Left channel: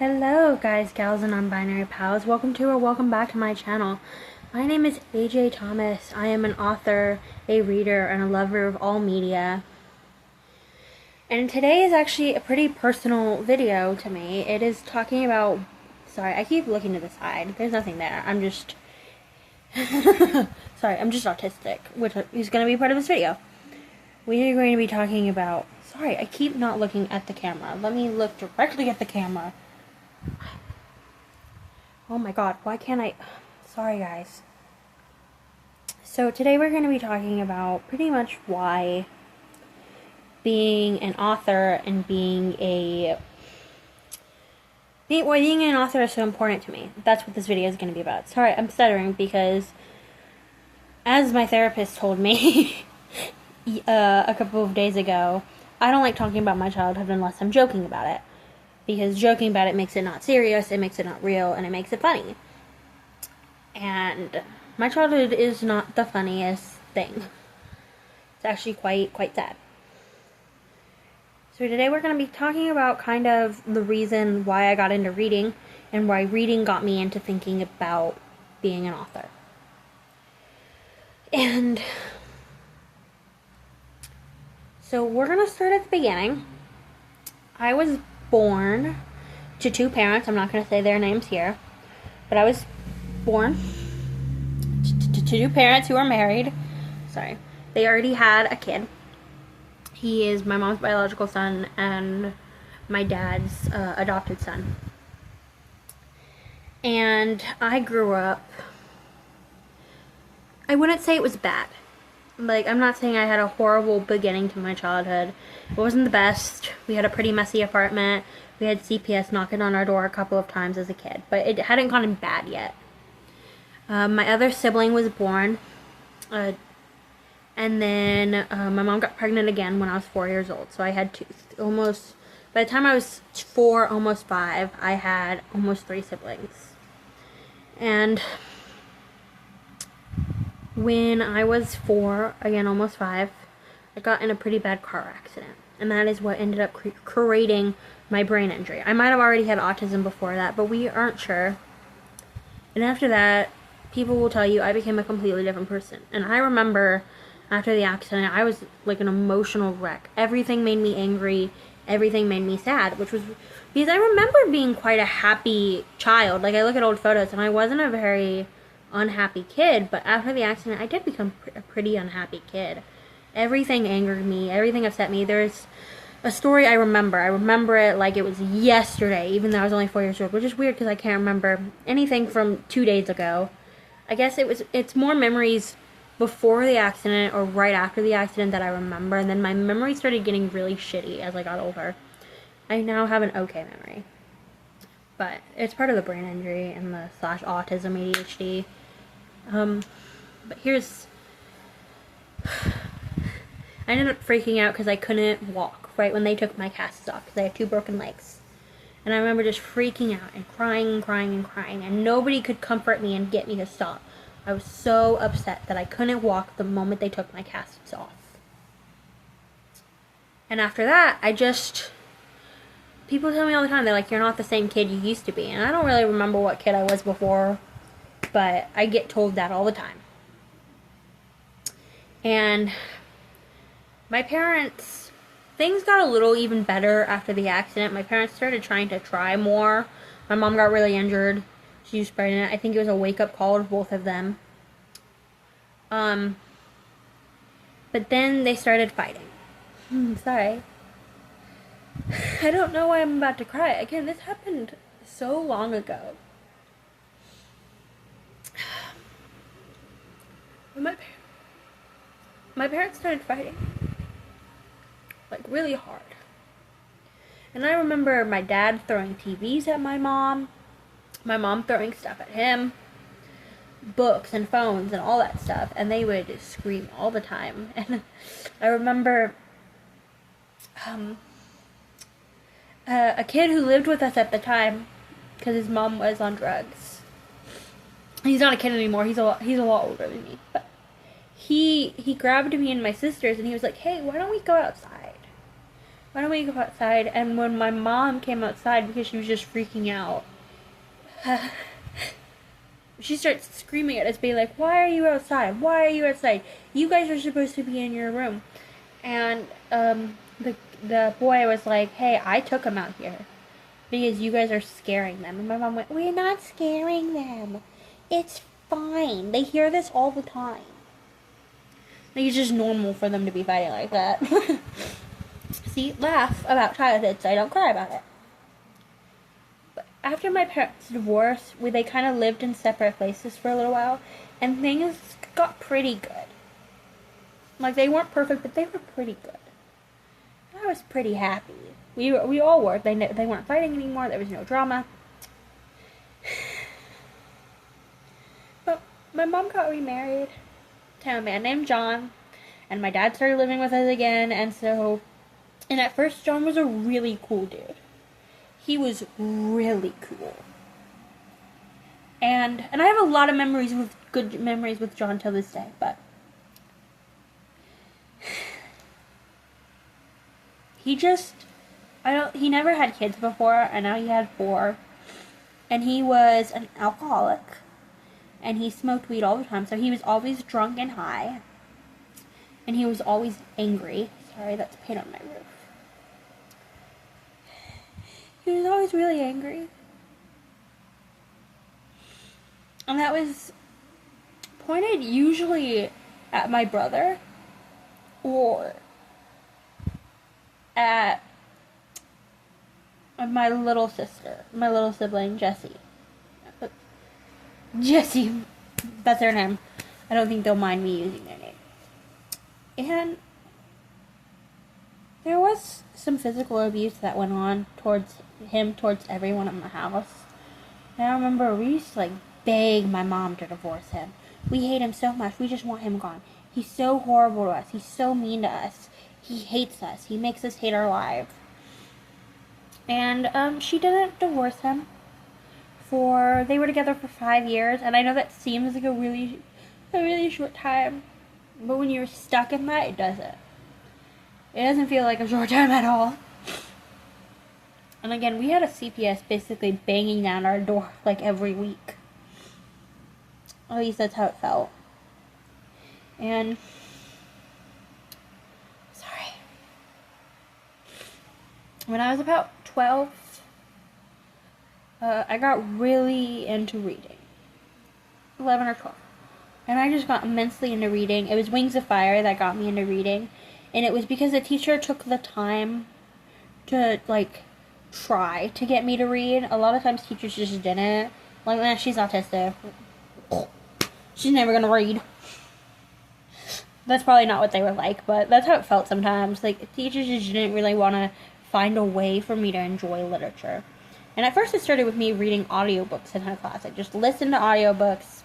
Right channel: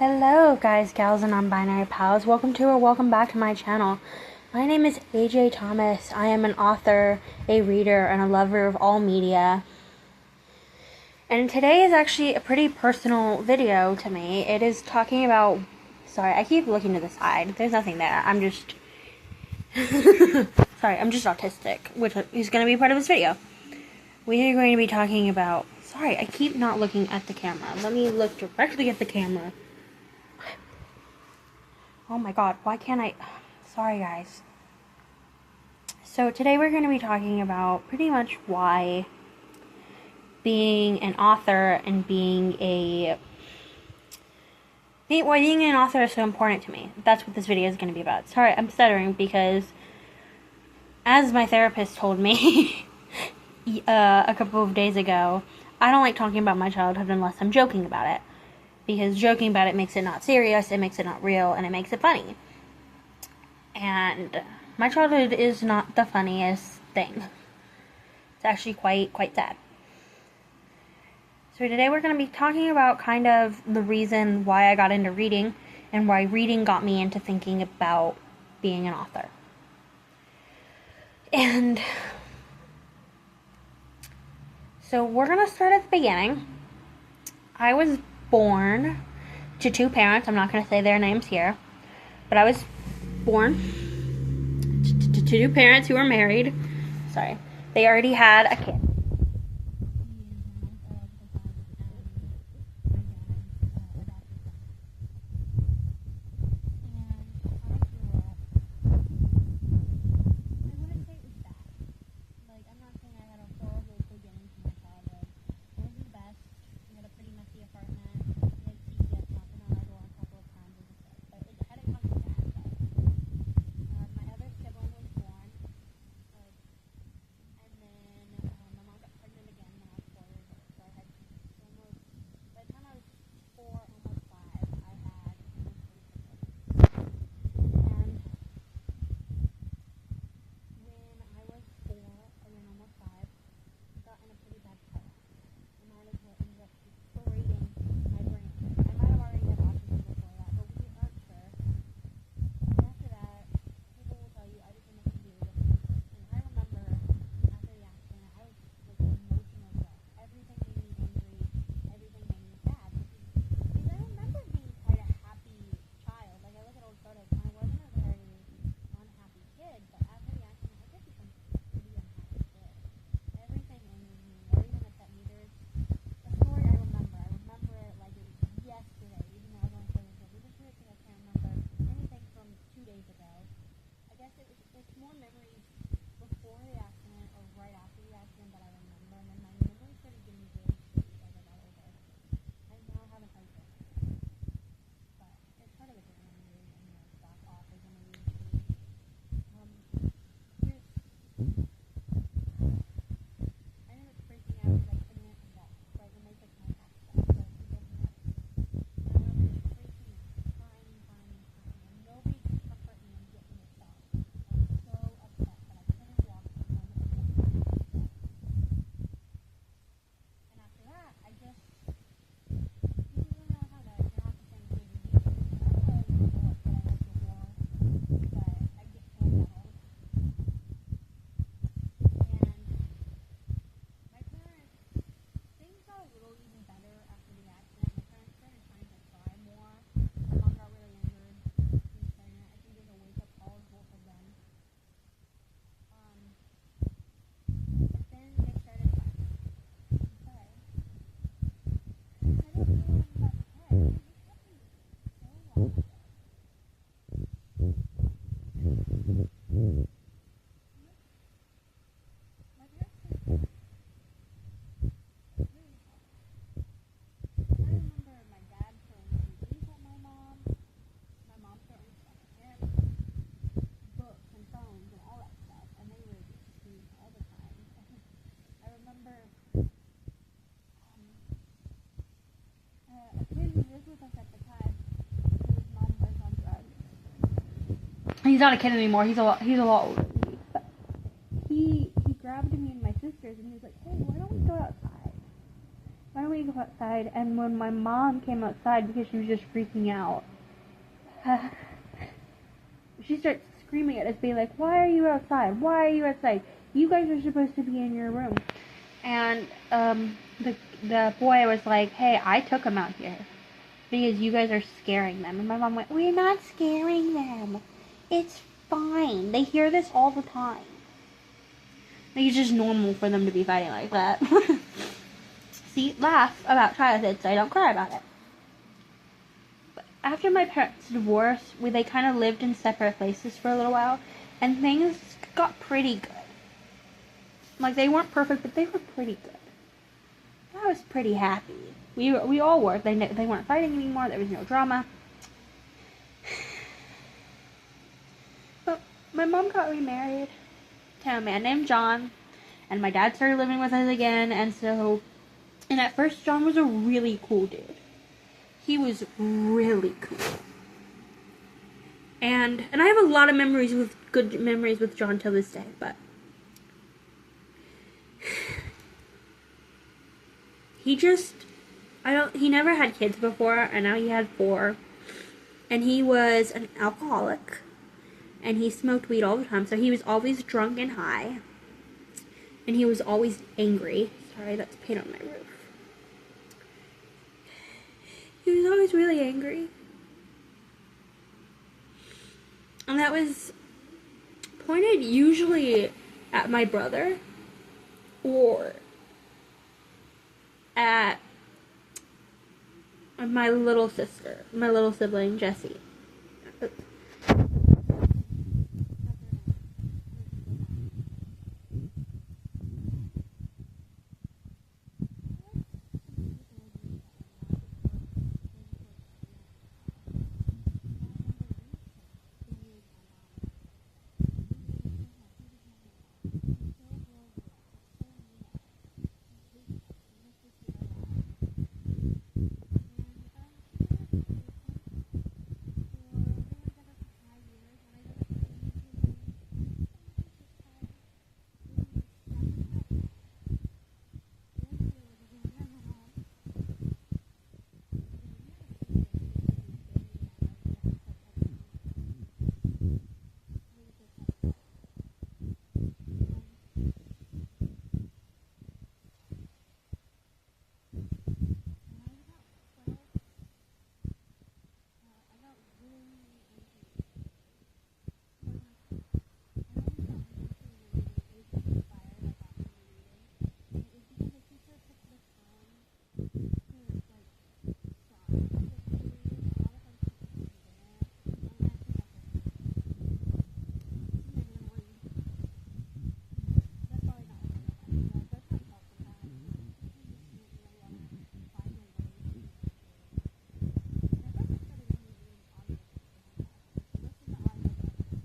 Hello guys, gals, and non-binary pals. Welcome to or welcome back to my channel. My name is AJ Thomas. I am an author, a reader, and a lover of all media. And today is actually a pretty personal video to me. It is talking about... Sorry, I keep looking to the side. There's nothing there. I'm just... Sorry, I'm just autistic, which is going to be part of this video. We are going to be talking about... Sorry, I keep not looking at the camera. Let me look directly at the camera. Oh my god, why can't I... Sorry guys. So today we're going to be talking about pretty much why being an author and being an author is so important to me. That's what this video is going to be about. Sorry, I'm stuttering because as my therapist told me a couple of days ago, I don't like talking about my childhood unless I'm joking about it. Because joking about it makes it not serious, it makes it not real, and it makes it funny. And my childhood is not the funniest thing. It's actually quite sad. So today we're going to be talking about kind of the reason why I got into reading, and why reading got me into thinking about being an author. And so we're going to start at the beginning. I was born to two parents. I'm not going to say their names here, but I was born to two parents who were married. Sorry. They already had a kid. He is my mom's biological son and my dad's adopted son. And I grew up... I wouldn't say it was bad. Like, I'm not saying I had a horrible beginning to my childhood. It wasn't the best. We had a pretty messy apartment. We had CPS knocking on our door a couple of times as a kid, but it hadn't gotten bad yet. My other sibling was born, and then my mom got pregnant again when I was 4 years old. So I had by the time I was 4, almost 5, I had almost 3 siblings. And when I was 4, again almost 5, I got in a pretty bad car accident. And that is what ended up creating my brain injury. I might have already had autism before that, but we aren't sure. And after that, people will tell you I became a completely different person. And I remember after the accident, I was like an emotional wreck. Everything made me angry. Everything made me sad, which was because I remember being quite a happy child. Like, I look at old photos and I wasn't a very unhappy kid, but after the accident, I did become a pretty unhappy kid. Everything angered me. Everything upset me. There's a story I remember. I remember it like it was yesterday, even though I was only 4 years old, which is weird because I can't remember anything from 2 days ago. I guess it's more memories before the accident or right after the accident that I remember, and then my memory started getting really shitty as I got older. I now have an okay memory, but it's part of the brain injury and the /autism ADHD. But here's... I ended up freaking out because I couldn't walk right when they took my casts off because I had 2 broken legs. And I remember just freaking out and crying, and nobody could comfort me and get me to stop. I was so upset that I couldn't walk the moment they took my casts off. And after that, people tell me all the time, they're like, you're not the same kid you used to be. And I don't really remember what kid I was before, but I get told that all the time. And my parents, things got a little even better after the accident. My parents started trying to try more. My mom got really injured. She was pregnant. I think it was a wake-up call to both of them. But then they started fighting. Sorry. I don't know why I'm about to cry. Again, this happened so long ago. My parents started fighting. Like, really hard. And I remember my dad throwing TVs at my mom throwing stuff at him, books and phones and all that stuff, and they would scream all the time. And I remember a kid who lived with us at the time, because his mom was on drugs. He's not a kid anymore, he's a lot older than me, but he grabbed me and my sisters and he was like, hey, why don't we go outside? why don't we go outside? And when my mom came outside because she was just freaking out, she starts screaming at us, being like, why are you outside? Why are you outside? You guys are supposed to be in your room. And the boy was like, hey, I took him out here because you guys are scaring them. And my mom went, we're not scaring them. It's fine. They hear this all the time. Like, it's just normal for them to be fighting like that. See, laugh about childhood so I don't cry about it. But after my parents' divorce, they kind of lived in separate places for a little while, and things got pretty good. Like, they weren't perfect, but they were pretty good. I was pretty happy. We all were. They weren't fighting anymore. There was no drama. But my mom got remarried to a man named John, and my dad started living with us again, and at first John was a really cool dude. He was really cool. And I have a lot of good memories with John till this day, but he never had kids before, and now he had 4. And he was an alcoholic. And he smoked weed all the time, so he was always drunk and high. And he was always angry. Sorry, that's paint on my roof. He was always really angry. And that was pointed usually at my brother or at my little sibling, Jessie. Jessie, that's her name. I don't think they'll mind me using their name. And there was some physical abuse that went on towards everyone in the house. And I remember we used to beg my mom to divorce him. We hate him so much. We just want him gone. He's so horrible to us. He's so mean to us. He hates us. He makes us hate our lives. And she didn't divorce him. They were together for 5 years, and I know that seems like a really short time, but when you're stuck in that, it doesn't. It doesn't feel like a short time at all. And again, we had a CPS basically banging down our door every week. At least that's how it felt. And when I was about 12, I got really into reading. 11 or 12. And I just got immensely into reading. It was Wings of Fire that got me into reading. And it was because the teacher took the time to, try to get me to read. A lot of times teachers just didn't. She's autistic. She's never gonna read. That's probably not what they were like, but that's how it felt sometimes. Teachers just didn't really want to find a way for me to enjoy literature. And at first it started with me reading audiobooks in her class. I just listened to audiobooks,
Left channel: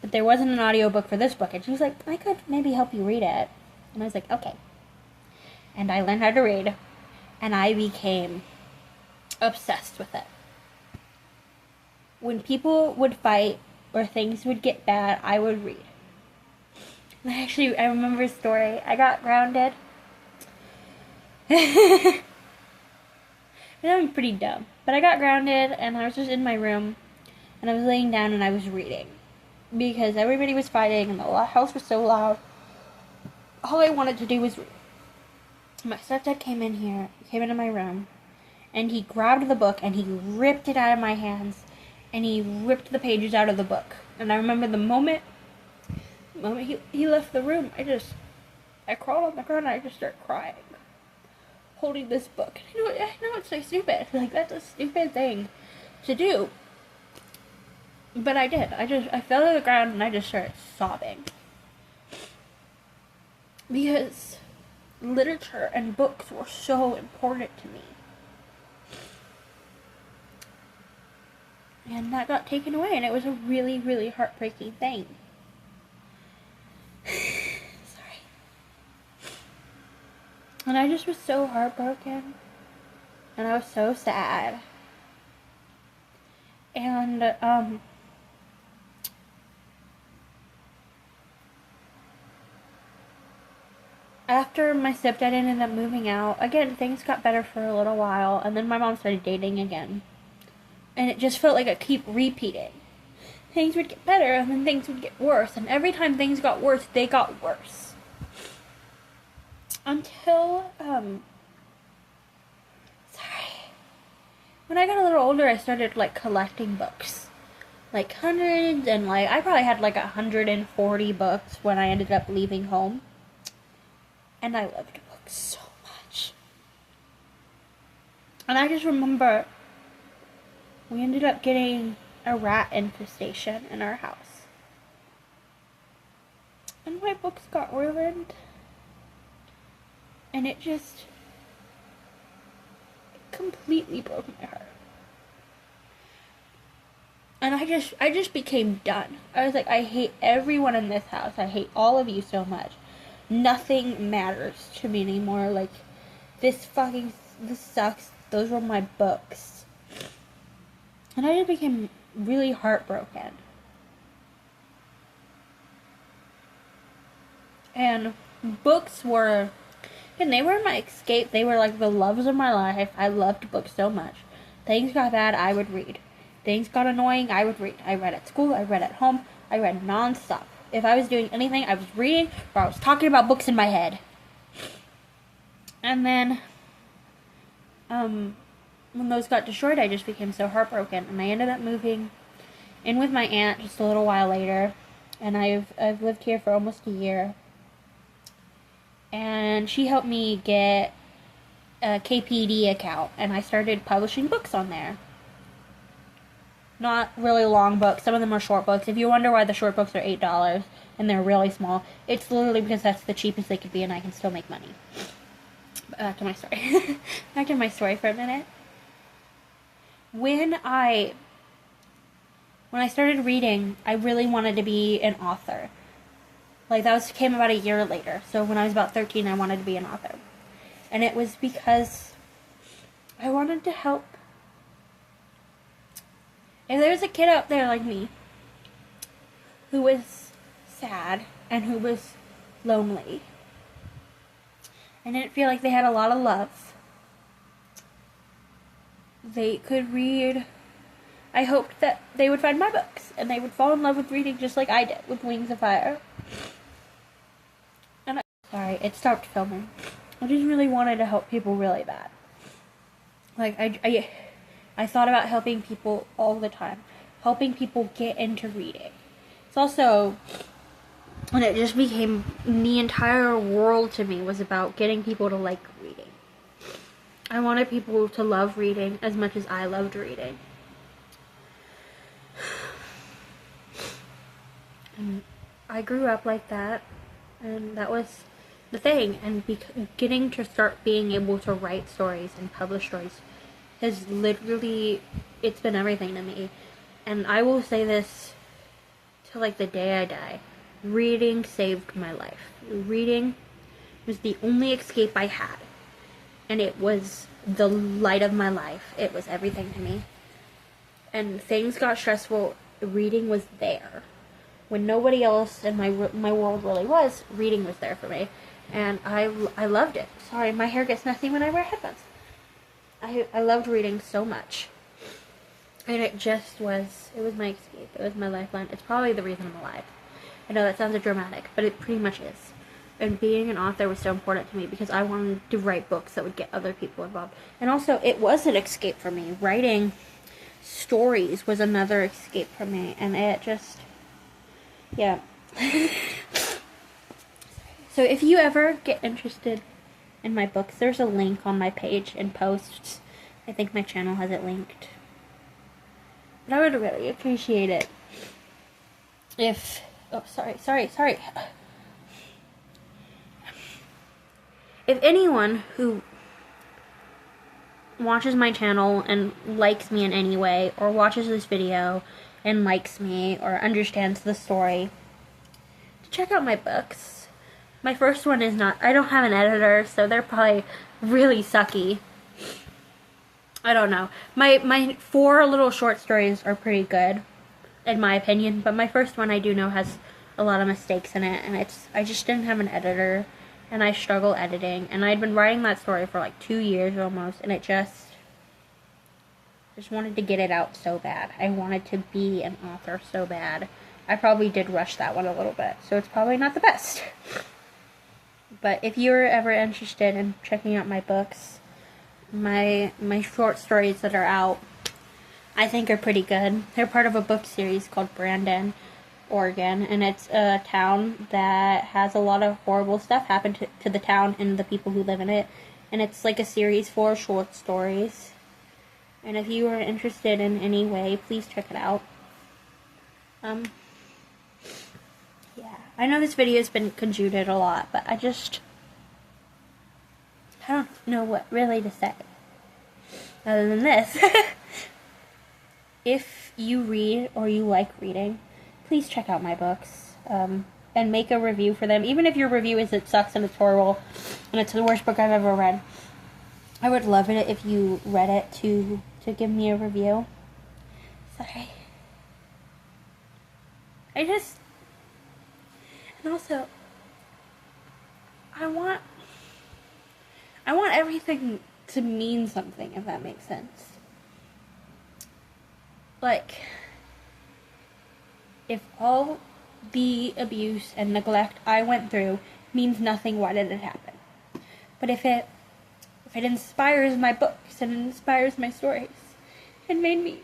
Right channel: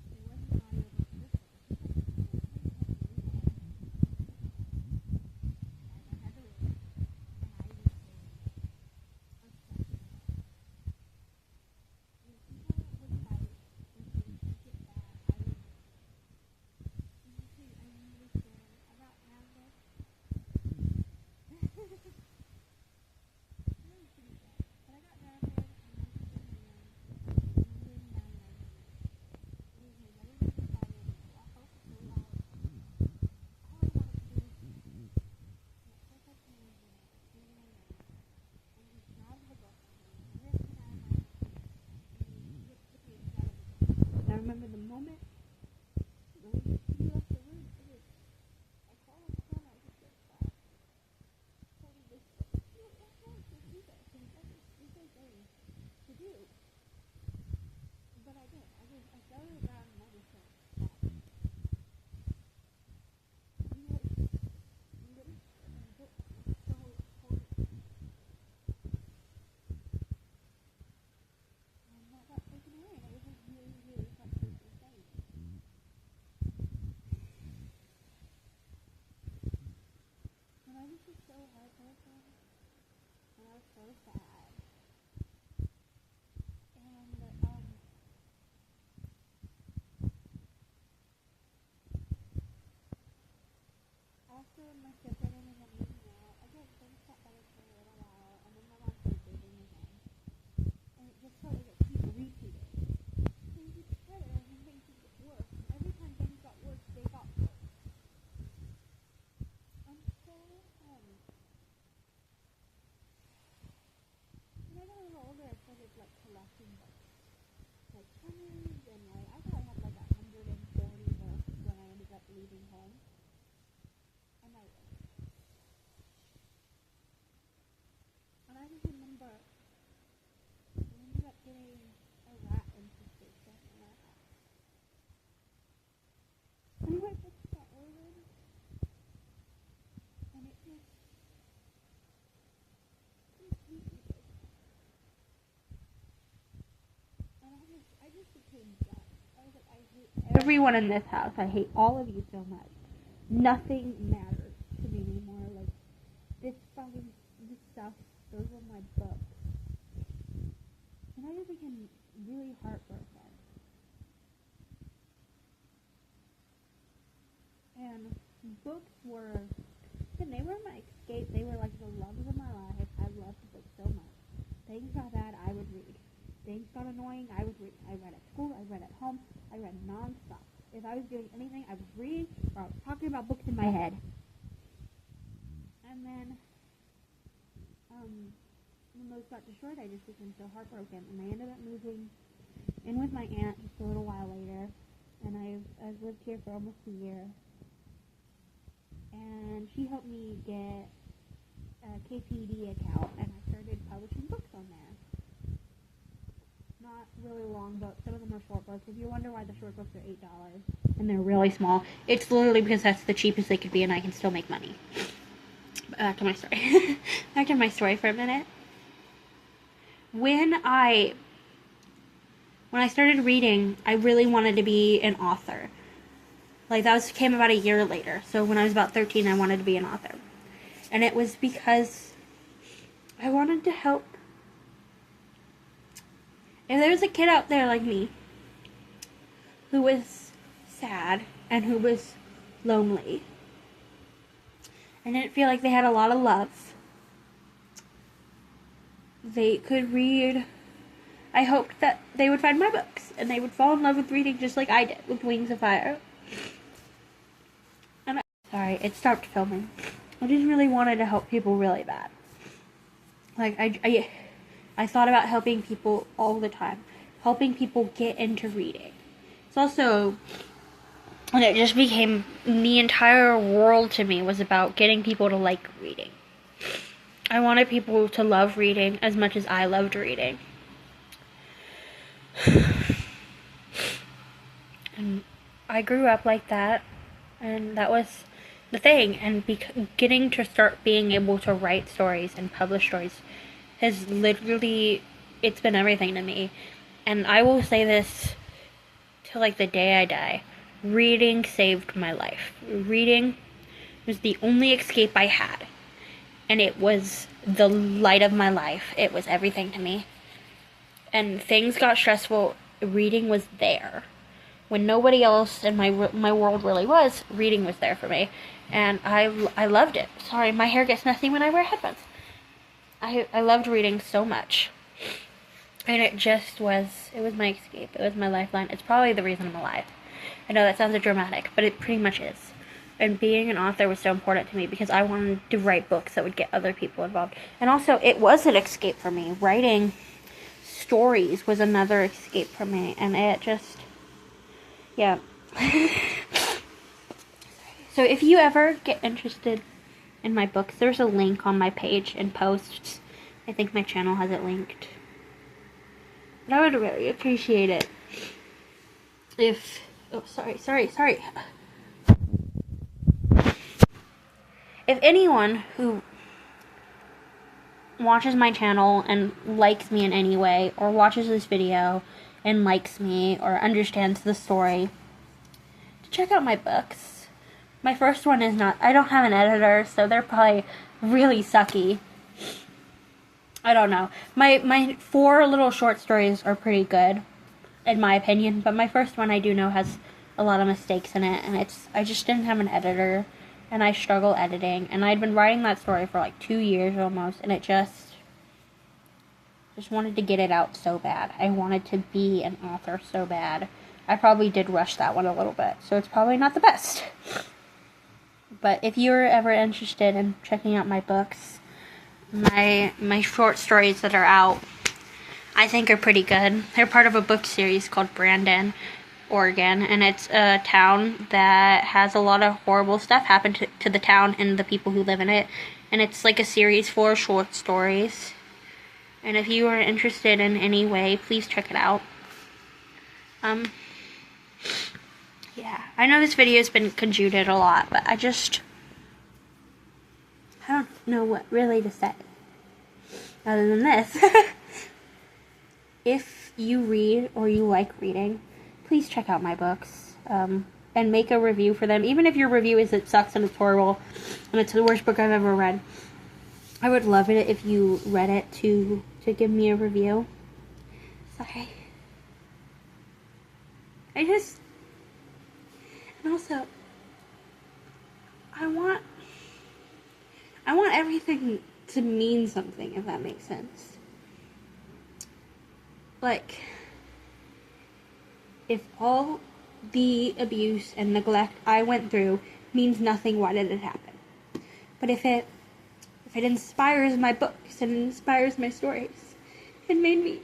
but there wasn't an audiobook for this book. And she was like, I could maybe help you read it. And I was like, okay. And I learned how to read, and I became obsessed with it. When people would fight or things would get bad, I would read. And I remember a story. I got grounded. And I'm pretty dumb. But I got grounded, and I was just in my room, and I was laying down, and I was reading. Because everybody was fighting, and the house was so loud. All I wanted to do was read. My stepdad came into my room, and he grabbed the book, and he ripped it out of my hands, and he ripped the pages out of the book. And I remember the moment he left the room, I crawled on the ground, and I just started crying, holding this book. I know it's so stupid. That's a stupid thing to do. But I did. I fell to the ground, and I just started sobbing. Because literature and books were so important to me. And that got taken away, and it was a really, really heartbreaking thing. Sorry. And I just was so heartbroken. And I was so sad. And, after my stepdad ended up moving out, again, things got better for a little while, and then my mom started dating again. And it just felt like I keep repeating. Things would get better, and then things would get worse, and every time things got worse, they got worse. Until, when I got a little older, I started, like, collecting books. Like, hundreds, and, like, I probably had, like, 140 books when I ended up leaving home. And I loved books so much. And I just remember we ended up getting a rat infestation in our house. And my books got ruined. And it just completely broke my heart. And I just became done. I was like, I hate everyone in this house. I hate all of you so much. Nothing matters to me anymore. Like, this sucks. Those were my books. And I just became really heartbroken. And books were, and they were my escape. They were like the loves of my life. I loved books so much. Things got bad, I would read. Things got annoying, I would read. I read at school, I read at home, I read non-stop. If I was doing anything, I was reading, or I was talking about books in my head. And then, when those got destroyed, I just became so heartbroken. And I ended up moving in with my aunt just a little while later. And I've lived here for almost a year. And she helped me get a KPD account. And I started publishing books on there. Not really long books. Some of them are short books. If you wonder why the short books are $8 and they're really small, it's literally because that's the cheapest they could be and I can still make money. Back to my story. Back to my story for a minute. When I started reading, I really wanted to be an author. Like, that came about a year later. So when I was about 13, I wanted to be an author. And it was because I wanted to help. If there's a kid out there like me who was sad and who was lonely and didn't feel like they had a lot of love, they could read. I hoped that they would find my books and they would fall in love with reading just like I did with Wings of Fire. And sorry, it stopped filming. I just really wanted to help people really bad. Like, I thought about helping people all the time. Helping people get into reading. It's also, when it just became, the entire world to me was about getting people to like reading. I wanted people to love reading as much as I loved reading. And I grew up like that. And that was the thing. And getting to start being able to write stories and publish stories has literally, it's been everything to me. And I will say this till like the day I die. Reading saved my life. Reading was the only escape I had. And it was the light of my life. It was everything to me. And things got stressful, reading was there. When nobody else in my world really was, reading was there for me. And I loved it. Sorry, my hair gets messy when I wear headphones. I loved reading so much. And it was my escape. It was my lifeline. It's probably the reason I'm alive. I know that sounds dramatic, but it pretty much is. And being an author was so important to me because I wanted to write books that would get other people involved. And also, it was an escape for me. Writing stories was another escape for me. And it just, yeah. So if you ever get interested in my books, there's a link on my page in posts. I think my channel has it linked. But I would really appreciate it if, oh, sorry. If anyone who watches my channel and likes me in any way, or watches this video and likes me, or understands the story, to check out my books. My first one is not, I don't have an editor, so they're probably really sucky. I don't know. My 4 little short stories are pretty good, in my opinion, but my first one I do know has a lot of mistakes in it, and I just didn't have an editor, and I struggle editing, and I'd been writing that story for like 2 years almost, and it just wanted to get it out so bad. I wanted to be an author so bad. I probably did rush that one a little bit, so it's probably not the best. But if you're ever interested in checking out my books, my short stories that are out, I think are pretty good. They're part of a book series called Brandon, Oregon, and it's a town that has a lot of horrible stuff happen to the town and the people who live in it. And it's like a series for short stories. And if you are interested in any way, please check it out. Yeah, I know this video has been conjuted a lot, but I don't know what really to say other than this. If you read or you like reading, please check out my books, and make a review for them. Even if your review is it sucks and it's horrible and it's the worst book I've ever read, I would love it if you read it to give me a review. Sorry. And also, I want everything to mean something, if that makes sense. Like, if all the abuse and neglect I went through means nothing, why did it happen? But if it inspires my books and it inspires my stories, it made me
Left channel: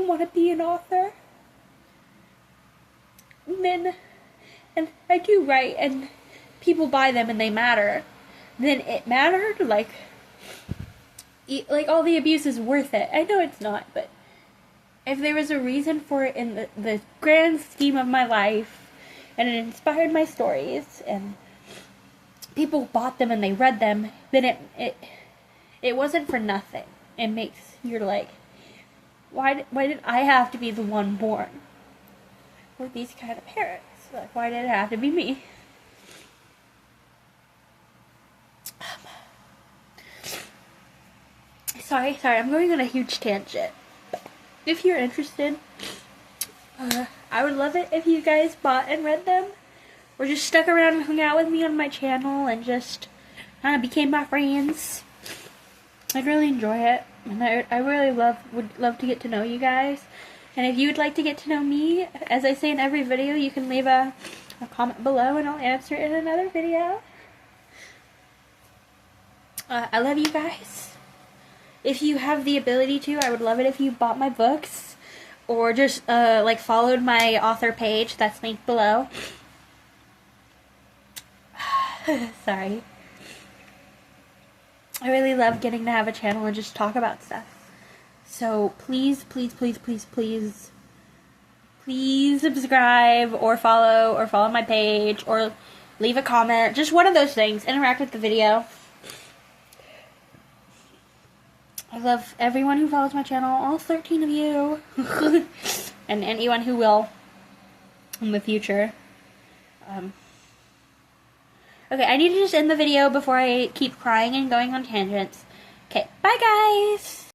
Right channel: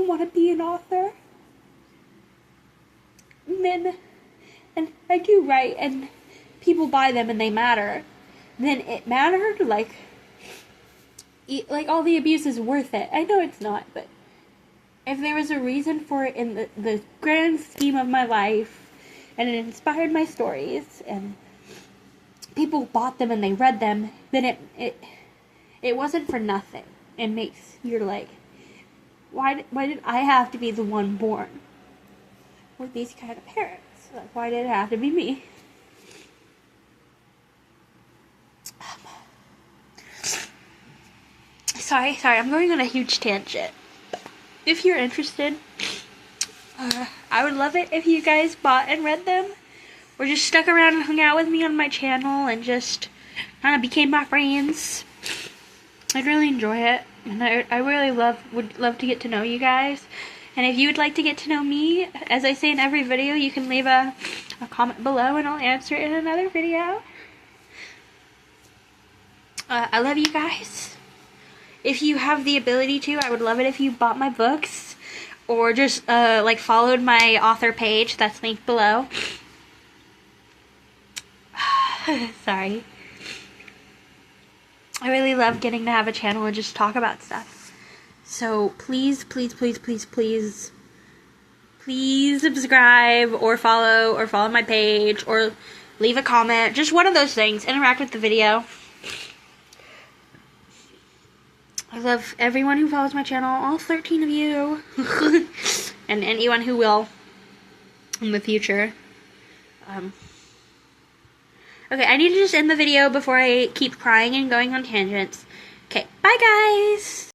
want to be an author. And I do write, and people buy them and they matter. Then it mattered, like all the abuse is worth it. I know it's not, but if there was a reason for it in the grand scheme of my life, and it inspired my stories, and people bought them and they read them, then it wasn't for nothing. It makes you're like, why did I have to be the one born with these kind of parents? Like, why did it have to be me? Sorry, I'm going on a huge tangent. If you're interested, I would love it if you guys bought and read them, or just stuck around and hung out with me on my channel and just kind of became my friends. I'd really enjoy it, and I really would love to get to know you guys. And if you would like to get to know me, as I say in every video, you can leave a comment below and I'll answer it in another video. I love you guys. If you have the ability to, I would love it if you bought my books, or just like followed my author page that's linked below. Sorry. I really love getting to have a channel and just talk about stuff. So please, please, please, please, please, please subscribe or follow my page, or leave a comment. Just one of those things. Interact with the video. I love everyone who follows my channel, all 13 of you, and anyone who will in the future. Okay, I need to just end the video before I keep crying and going on tangents. Okay, bye guys!